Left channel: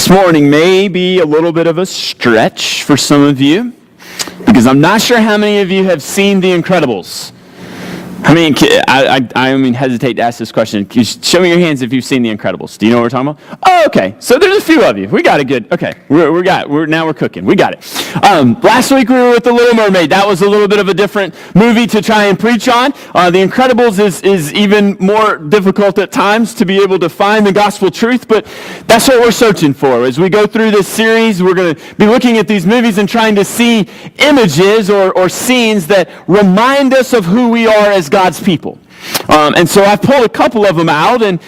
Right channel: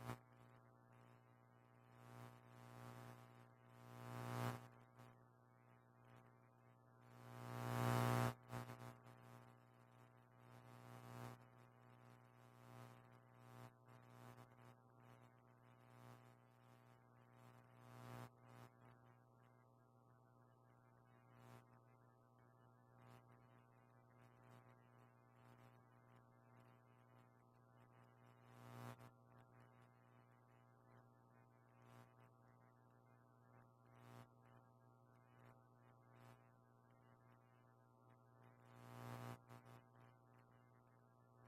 This morning may be a little bit of a stretch for some of you, because I'm not sure how many of you have seen The Incredibles. I hesitate to ask this question. Can you show me your hands if you've seen The Incredibles? Do you know what we're talking about? Oh, okay. So there's a few of you. We got it good. Okay. Now we're cooking. We got it. Last week we were with The Little Mermaid. That was a little bit of a different movie to try and preach on. The Incredibles is even more difficult at times to be able to find the gospel truth, but that's what we're searching for. As we go through this series, we're going to be looking at these movies and trying to see images or scenes that remind us of who we are as God's people. And so I've pulled a couple of them out, and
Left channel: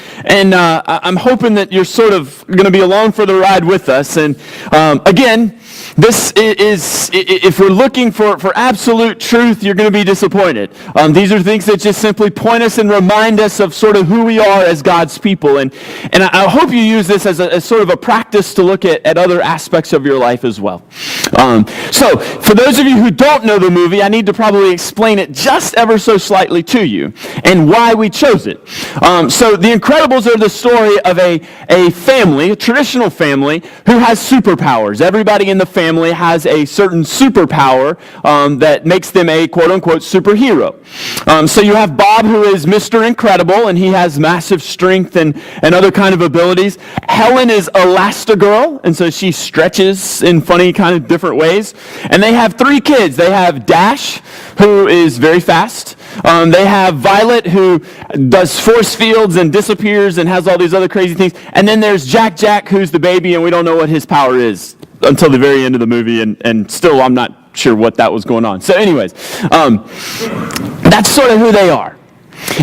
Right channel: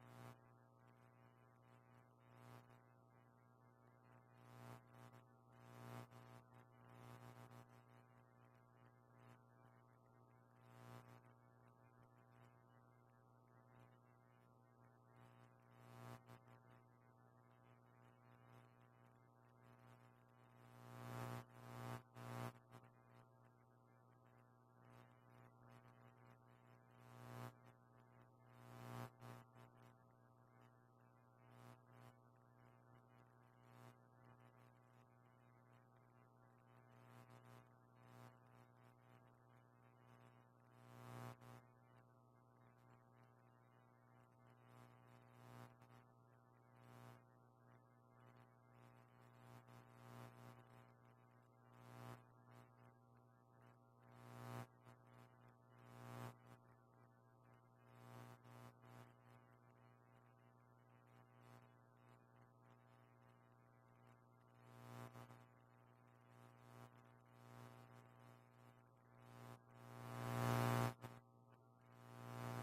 I'm hoping that you're sort of going to be along for the ride with us. And again, this is, if we're looking for absolute truth, you're going to be disappointed. These are things that just simply point us and remind us of sort of who we are as God's people. And I hope you use this as sort of a practice to look at other aspects of your life as well. So for those of you who don't know the movie, I need to probably explain it just ever so slightly to you and why we chose it. So The Incredibles are the story of a family, a traditional family, who has superpowers. Everybody in the family has a certain superpower that makes them a quote-unquote superhero. So you have Bob, who is Mr. Incredible, and he has massive strength and other kind of abilities. Helen is Elastigirl, and so she stretches in funny kind of different ways. And they have three kids. They have Dash, who is very fast. They have Violet, who does force fields and disappears and has all these other crazy things. And then there's Jack, who's the baby, and we don't know what his power is until the very end of the movie, and still I'm not sure what that was going on. So anyways, that's sort of who they are.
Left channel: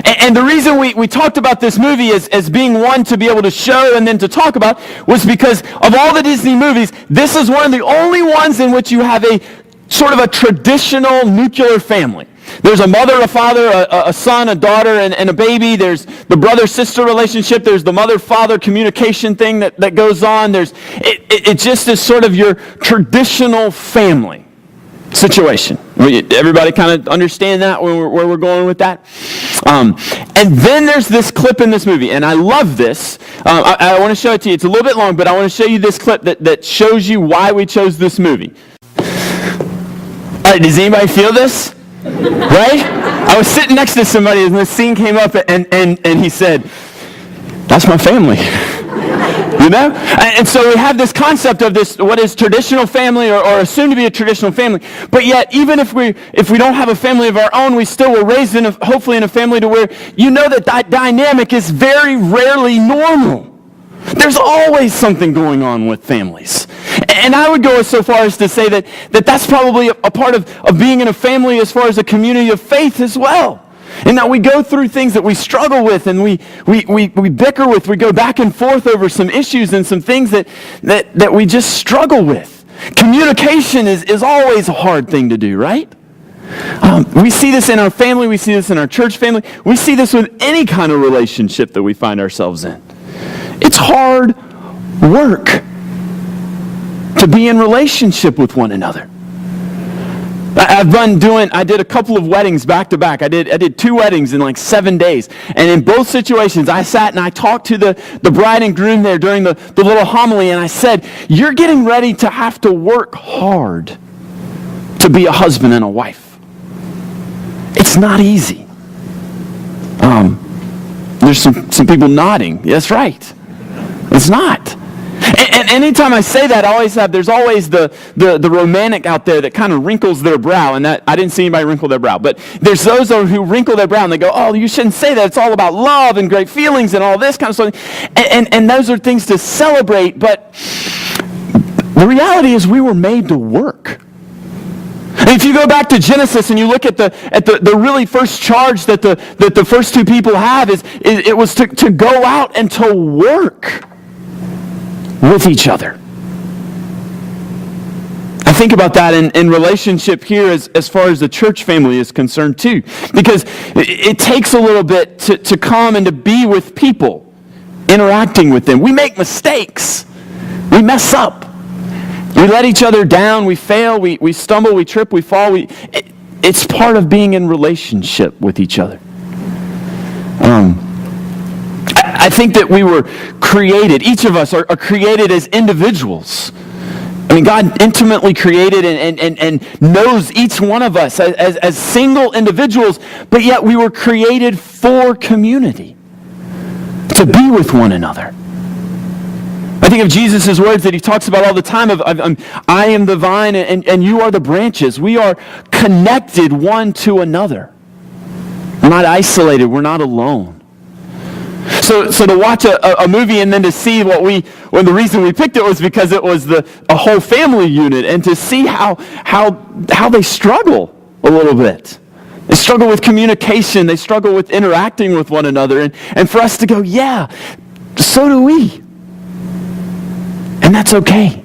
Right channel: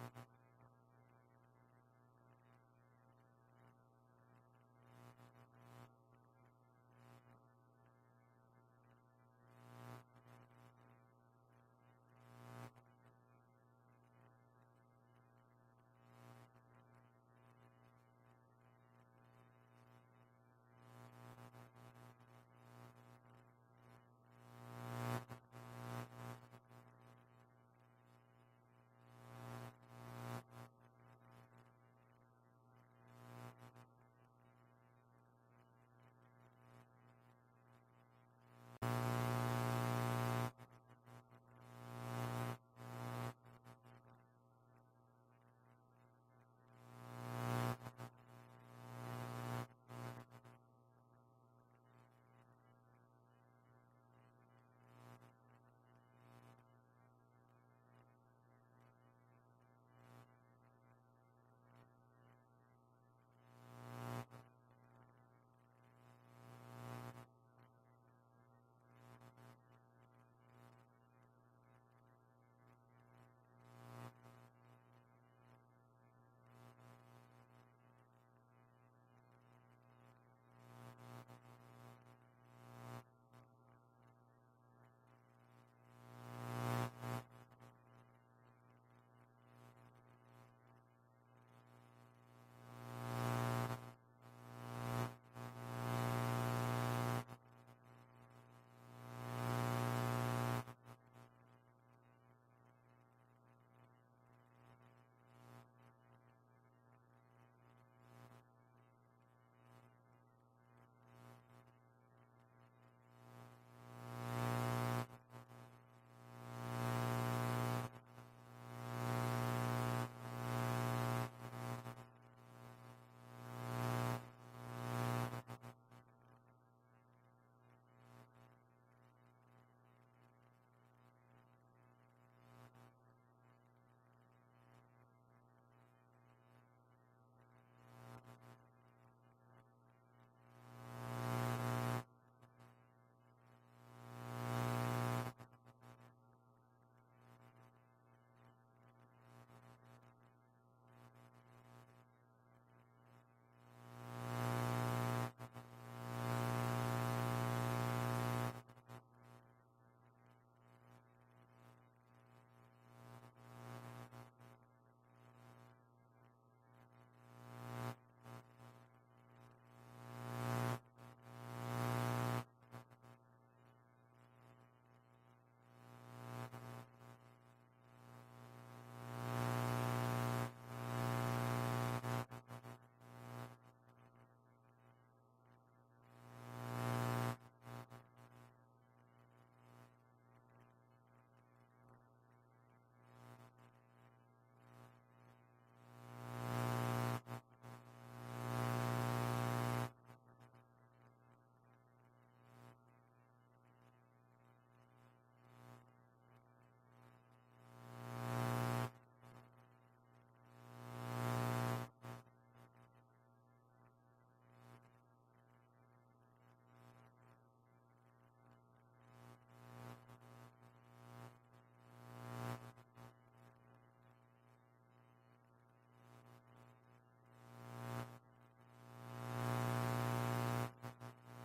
And the reason we talked about this movie as being one to be able to show and then to talk about was because of all the Disney movies, this is one of the only ones in which you have a sort of a traditional nuclear family. There's a mother, a father, a son, a daughter, and a baby. There's the brother-sister relationship. There's the mother-father communication thing that goes on. It just is sort of your traditional family situation. Everybody kind of understand that, where we're going with that? And then there's this clip in this movie, and I love this. I want to show it to you. It's a little bit long, but I want to show you this clip that shows you why we chose this movie. All right, does anybody feel this? Right? I was sitting next to somebody and this scene came up and he said, "That's my family." You know? And so we have this concept of this, what is traditional family or assumed to be a traditional family. But yet, even if we don't have a family of our own, we still were raised hopefully in a family to where you know that dynamic is very rarely normal. There's always something going on with families. And I would go so far as to say that that's probably a part of being in a family as far as a community of faith as well. And that we go through things that we struggle with and we bicker with. We go back and forth over some issues and some things that we just struggle with. Communication is always a hard thing to do, right? We see this in our family. We see this in our church family. We see this with any kind of relationship that we find ourselves in. It's hard work to be in relationship with one another. I did a couple of weddings back to back. I did 2 weddings in like 7 days. And in both situations, I sat and I talked to the bride and groom there during the little homily, and I said, "You're getting ready to have to work hard to be a husband and a wife. It's not easy." There's some people nodding. That's right. It's not. And anytime I say that, there's always the romantic out there that kind of wrinkles their brow, and that I didn't see anybody wrinkle their brow, but there's those who wrinkle their brow and they go, "Oh, you shouldn't say that. It's all about love and great feelings and all this kind of stuff." And those are things to celebrate, but the reality is we were made to work. And if you go back to Genesis and you look at the really first charge that the first 2 people have, it was to go out and to work with each other. I think about that in relationship here as far as the church family is concerned too. Because it takes a little bit to come and to be with people, interacting with them. We make mistakes. We mess up. We let each other down. We fail. We stumble. We trip. We fall. It's part of being in relationship with each other. I think that we were created, each of us are created as individuals. I mean, God intimately created and knows each one of us as single individuals, but yet we were created for community, to be with one another. I think of Jesus' words that he talks about all the time of I am the vine and you are the branches. We are connected one to another. We're not isolated. We're not alone. So to watch a movie and then to see when the reason we picked it was because it was a whole family unit, and to see how they struggle a little bit. They struggle with communication. They struggle with interacting with one another. And for us to go, yeah, so do we. And that's okay.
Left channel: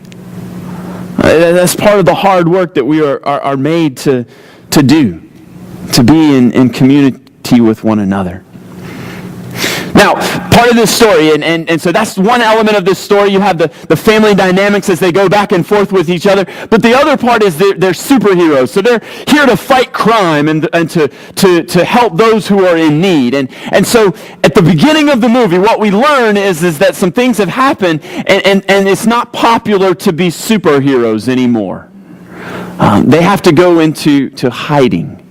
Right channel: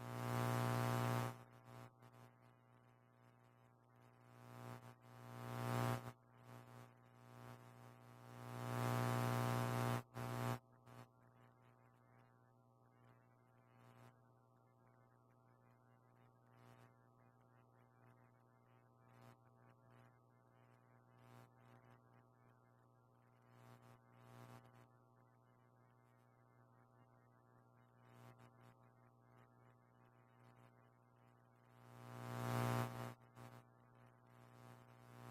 That's part of the hard work that we are made to do, to be in community with one another. Now, part of this story, and so that's one element of this story. You have the family dynamics as they go back and forth with each other. But the other part is they're superheroes. So they're here to fight crime and to help those who are in need. And so at the beginning of the movie, what we learn is that some things have happened, and it's not popular to be superheroes anymore. They have to go into hiding.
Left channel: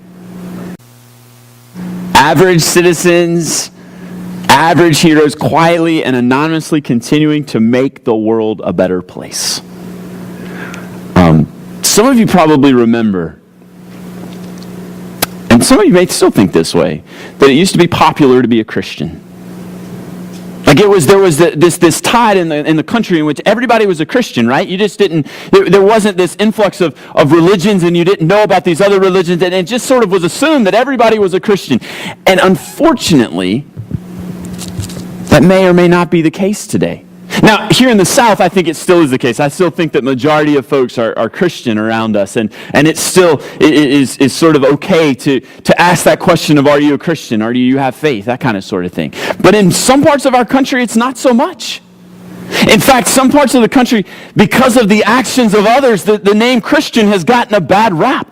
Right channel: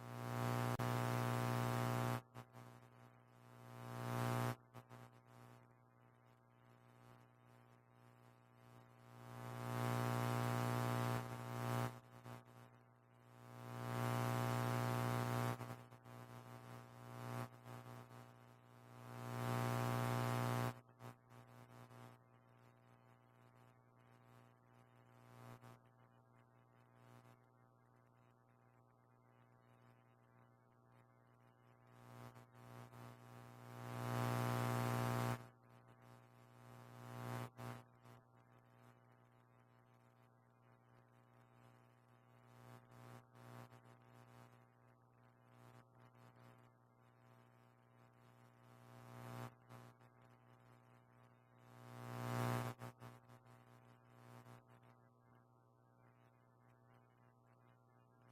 Average citizens, average heroes, quietly and anonymously continuing to make the world a better place. Some of you probably remember, and some of you may still think this way, that it used to be popular to be a Christian. Like there was this tide in the country in which everybody was a Christian, right? You just didn't, there wasn't this influx of religions, and you didn't know about these other religions, and it just sort of was assumed that everybody was a Christian. And unfortunately, that may or may not be the case today. Now, here in the South, I think it still is the case. I still think that majority of folks are Christian around us, and it still is sort of okay to ask that question of, are you a Christian? Or do you have faith? That kind of sort of thing. But in some parts of our country, it's not so much. In fact, some parts of the country, because of the actions of others, the name Christian has gotten a bad rap.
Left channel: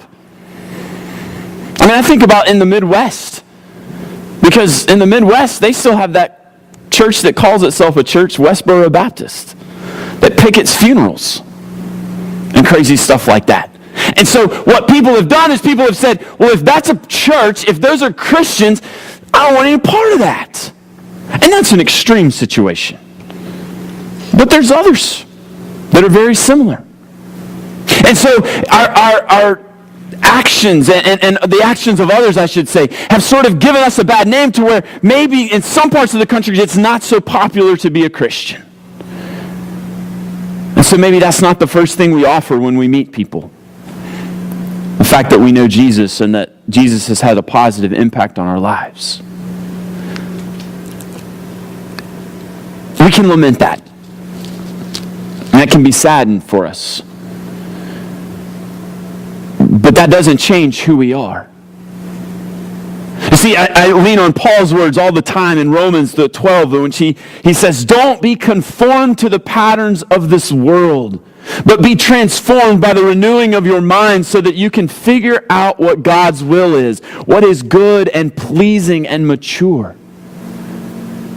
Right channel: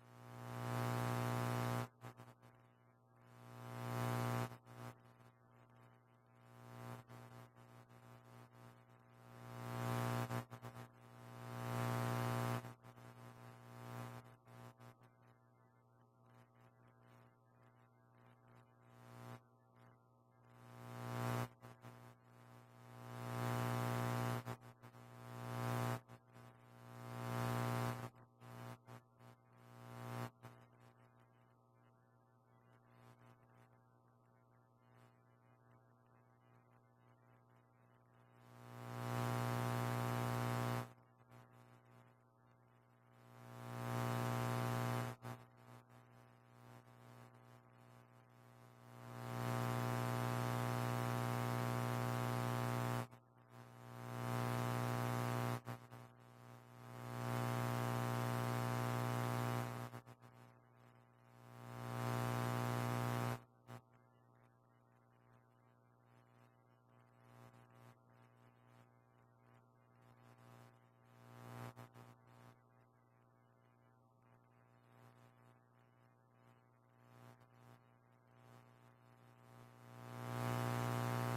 I mean, I think about in the Midwest, because in the Midwest, they still have that church that calls itself a church, Westboro Baptist, that pickets funerals and crazy stuff like that. And so what people have done is people have said, well, if that's a church, if those are Christians, I don't want any part of that. And that's an extreme situation. But there's others that are very similar. And so our actions and the actions of others, I should say, have sort of given us a bad name to where maybe in some parts of the country it's not so popular to be a Christian. And so maybe that's not the first thing we offer when we meet people. The fact that we know Jesus and that Jesus has had a positive impact on our lives. We can lament that. And that can be saddened for us. But that doesn't change who we are. You see, I lean on Paul's words all the time in Romans 12, in which he says, don't be conformed to the patterns of this world, but be transformed by the renewing of your mind so that you can figure out what God's will is, what is good and pleasing and mature.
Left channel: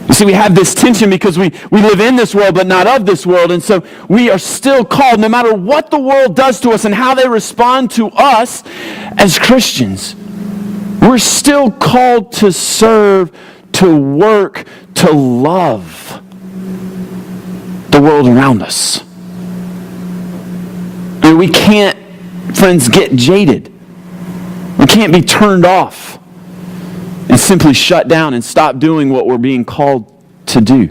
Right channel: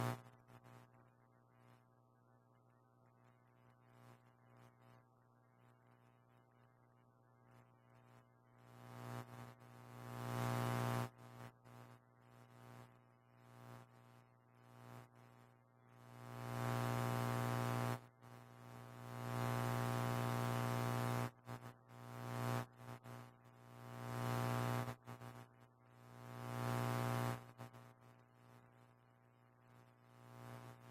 You see, we have this tension because we live in this world but not of this world, and so we are still called, no matter what the world does to us and how they respond to us as Christians, we're still called to serve, to work, to love the world around us. I mean, we can't, friends, get jaded. We can't be turned off and simply shut down and stop doing what we're being called to do.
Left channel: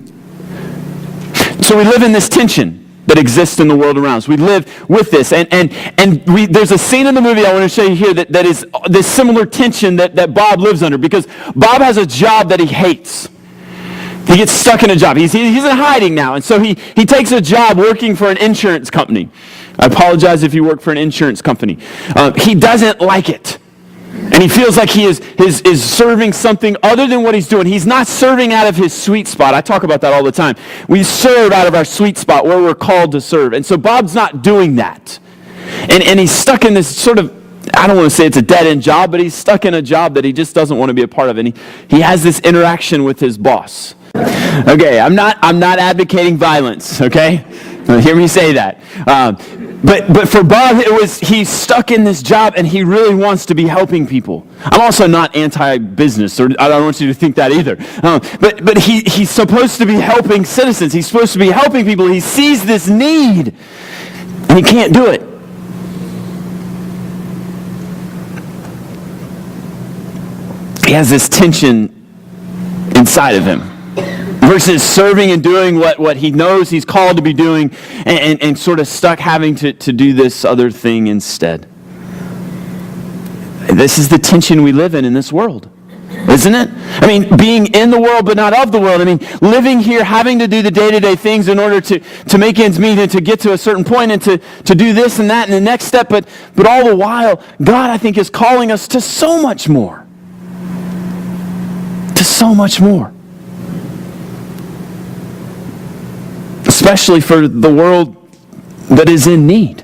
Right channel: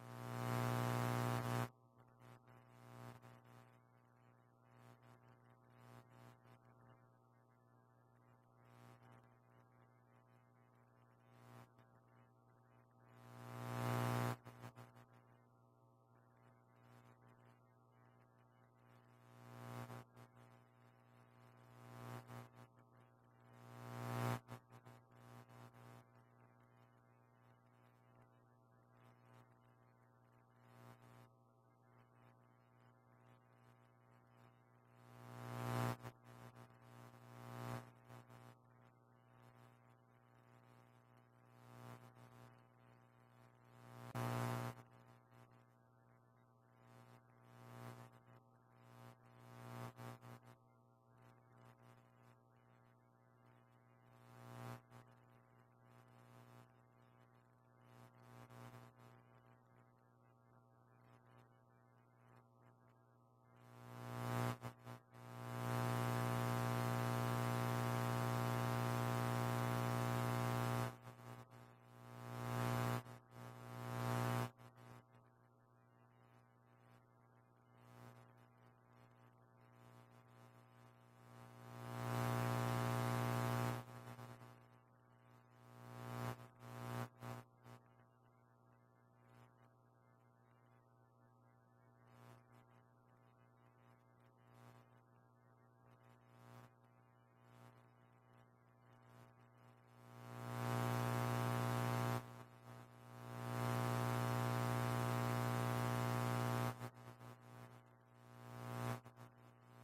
So we live in this tension that exists in the world around us. We live with this. And there's a scene in the movie I want to show you here that is this similar tension that Bob lives under, because Bob has a job that he hates. He gets stuck in a job. He's in hiding now. And so he takes a job working for an insurance company. I apologize if you work for an insurance company. He doesn't like it. And he feels like he is serving something other than what he's doing. He's not serving out of his sweet spot. I talk about that all the time. We serve out of our sweet spot where we're called to serve. And so Bob's not doing that. And he's stuck in this sort of, I don't want to say it's a dead-end job, but he's stuck in a job that he just doesn't want to be a part of. And he has this interaction with his boss. Okay, I'm not advocating violence, okay? Hear me say that. But for Bob, he's stuck in this job and he really wants to be helping people. I'm also not anti-business, or I don't want you to think that either. But he's supposed to be helping citizens. He's supposed to be helping people. He sees this need and he can't do it. He has this tension inside of him versus serving and doing what he knows he's called to be doing and sort of stuck having to do this other thing instead. This is the tension we live in this world, isn't it? I mean, being in the world but not of the world. I mean, living here, having to do the day-to-day things in order to make ends meet and to get to a certain point and to do this and that and the next step. But all the while, God, I think, is calling us to so much more. To so much more. Especially for the world that is in need.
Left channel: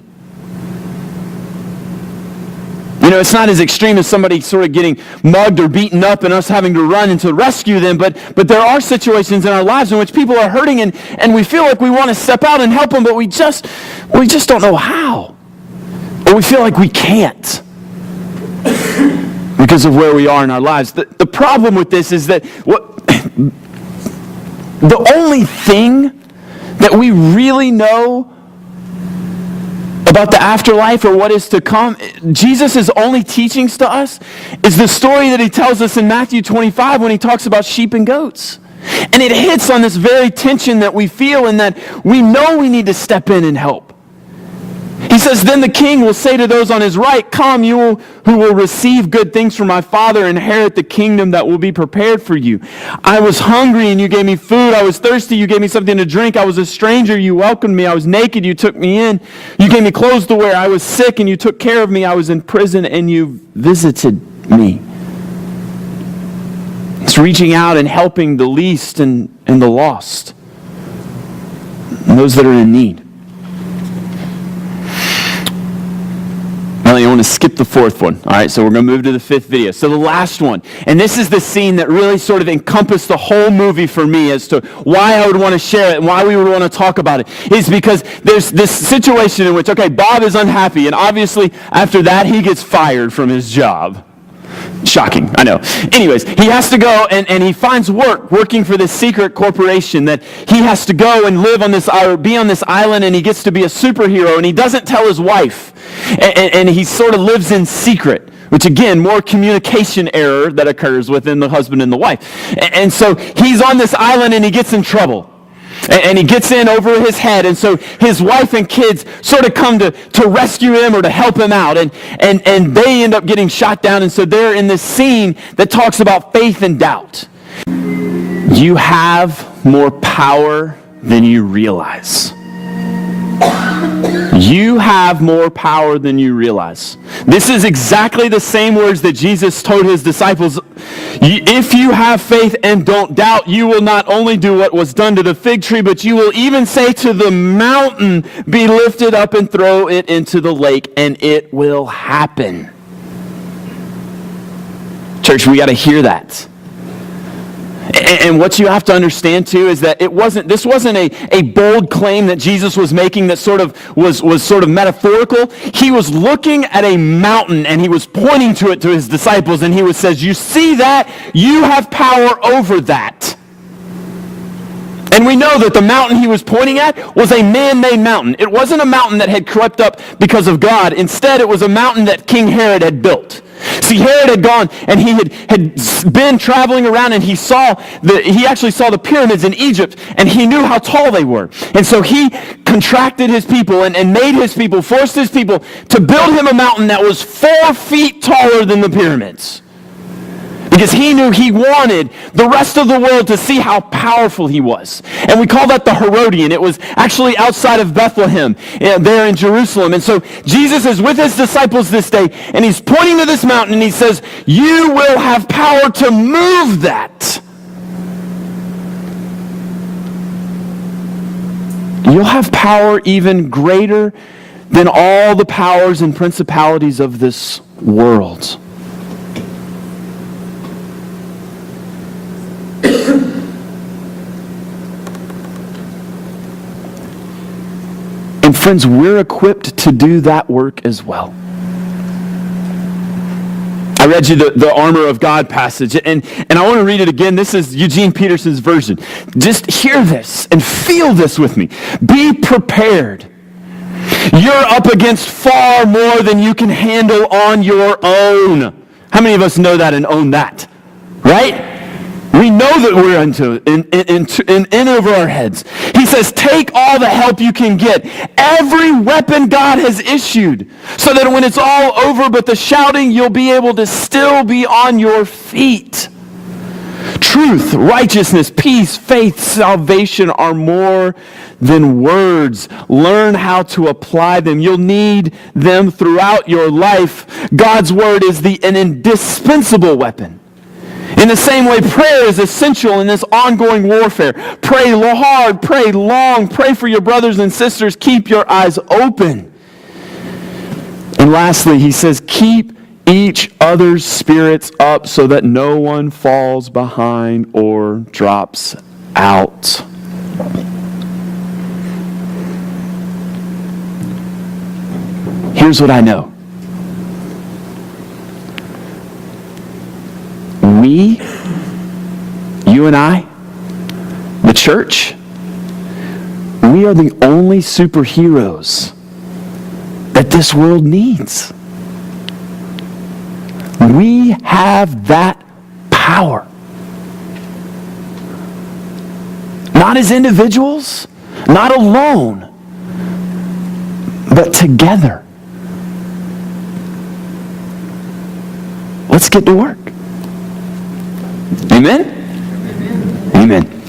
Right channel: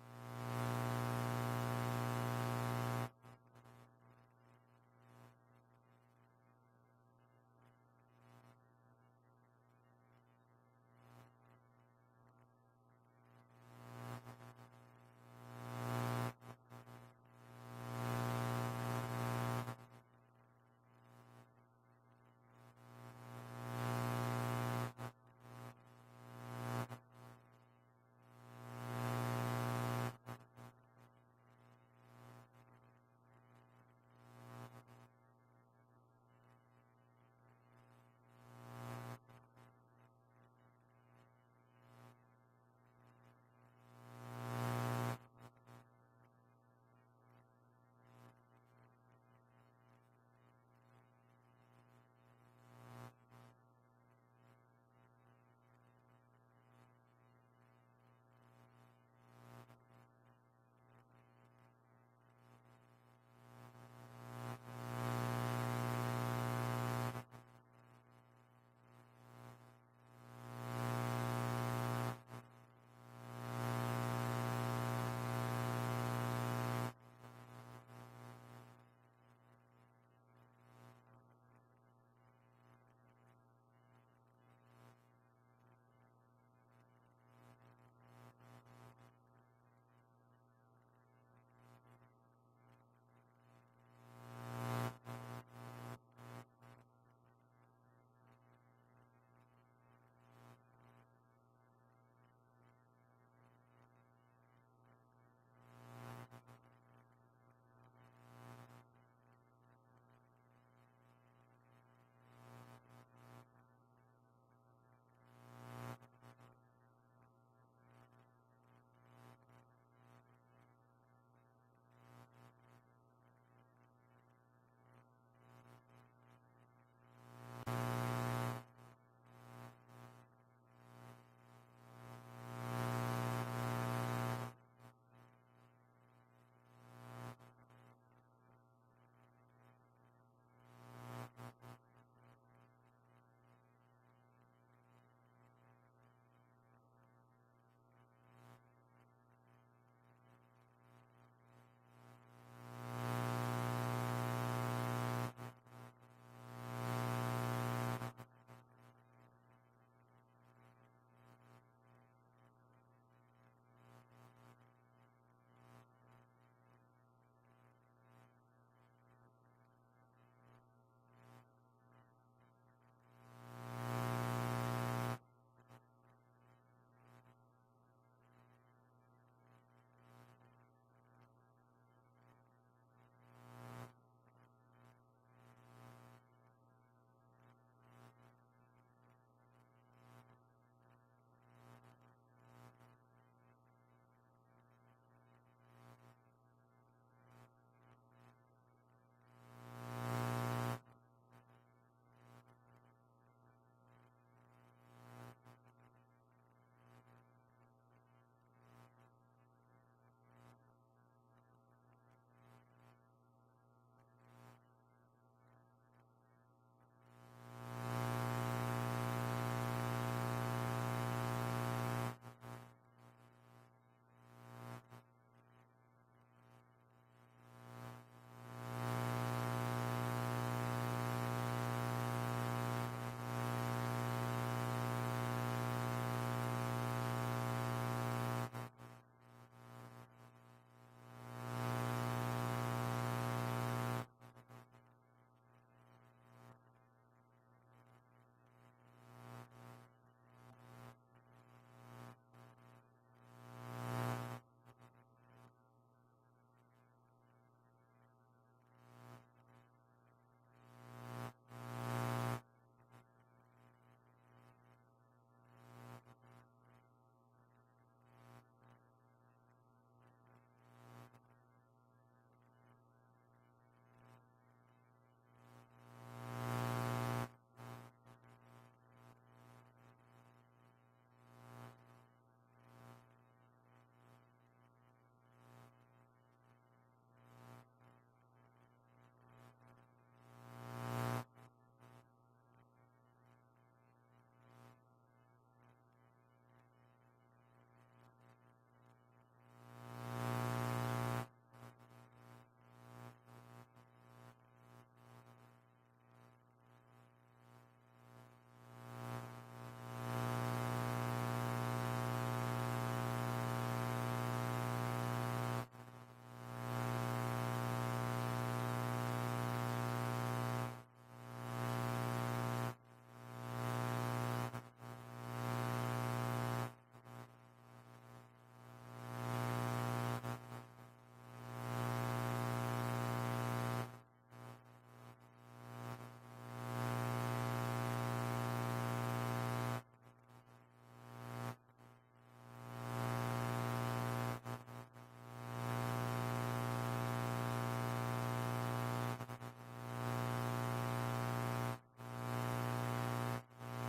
You know, it's not as extreme as somebody sort of getting mugged or beaten up and us having to run and to rescue them, but there are situations in our lives in which people are hurting and we feel like we want to step out and help them, but we just don't know how. Or we feel like we can't because of where we are in our lives. The problem with this is that the only thing that we really know about the afterlife or what is to come, Jesus' only teachings to us is the story that he tells us in Matthew 25 when he talks about sheep and goats. And it hits on this very tension that we feel in that we know we need to step in and help. He says, then the king will say to those on his right, come, you who will receive good things from my Father, inherit the kingdom that will be prepared for you. I was hungry and you gave me food. I was thirsty, you gave me something to drink. I was a stranger, you welcomed me. I was naked, you took me in. You gave me clothes to wear. I was sick and you took care of me. I was in prison and you visited me. It's reaching out and helping the least and the lost, and those that are in need. I want to skip the fourth one. All right, so we're going to move to the fifth video. So the last one, and this is the scene that really sort of encompassed the whole movie for me as to why I would want to share it and why we would want to talk about it, is because there's this situation in which, okay, Bob is unhappy, and obviously after that he gets fired from his job. Shocking, I know. Anyways, he has to go and he finds working for this secret corporation that he has to go and live on this, or be on this island, and he gets to be a superhero, and he doesn't tell his wife. And he sort of lives in secret, which again, more communication error that occurs within the husband and the wife. And so he's on this island and he gets in trouble. And he gets in over his head, and so his wife and kids sort of come to rescue him or to help him out, and they end up getting shot down, and so they're in this scene that talks about faith and doubt. You have more power than you realize. You have more power than you realize. This is exactly the same words that Jesus told his disciples. If you have faith and don't doubt, you will not only do what was done to the fig tree, but you will even say to the mountain, be lifted up and throw it into the lake, and it will happen. Church, we got to hear that. And what you have to understand too is that this wasn't a bold claim that Jesus was making that sort of was sort of metaphorical. He was looking at a mountain and he was pointing to it to his disciples, and he says, you see that? You have power over that. And we know that the mountain he was pointing at was a man-made mountain. It wasn't a mountain that had crept up because of God. Instead, it was a mountain that King Herod had built. See, Herod had gone and he had been traveling around, and he actually saw the pyramids in Egypt, and he knew how tall they were. And so he contracted his people and made his people, forced his people to build him a mountain that was 4 feet taller than the pyramids. Because he knew he wanted the rest of the world to see how powerful he was. And we call that the Herodian. It was actually outside of Bethlehem, there in Jerusalem. And so Jesus is with his disciples this day, and he's pointing to this mountain, and he says, you will have power to move that. You'll have power even greater than all the powers and principalities of this world. And friends, we're equipped to do that work as well. I read you the armor of God passage, and I want to read it again. This is Eugene Peterson's version. Just hear this and feel this with me. Be prepared. You're up against far more than you can handle on your own. How many of us know that and own that? Right? We know that we're in over our heads. He says, take all the help you can get. Every weapon God has issued, so that when it's all over but the shouting, you'll be able to still be on your feet. Truth, righteousness, peace, faith, salvation are more than words. Learn how to apply them. You'll need them throughout your life. God's word is an indispensable weapon. In the same way, prayer is essential in this ongoing warfare. Pray hard, pray long, pray for your brothers and sisters. Keep your eyes open. And lastly, he says, keep each other's spirits up so that no one falls behind or drops out. Here's what I know. We, you and I, the church, we are the only superheroes that this world needs. We have that power. Not as individuals, not alone, but together. Let's get to work. Amen? Amen.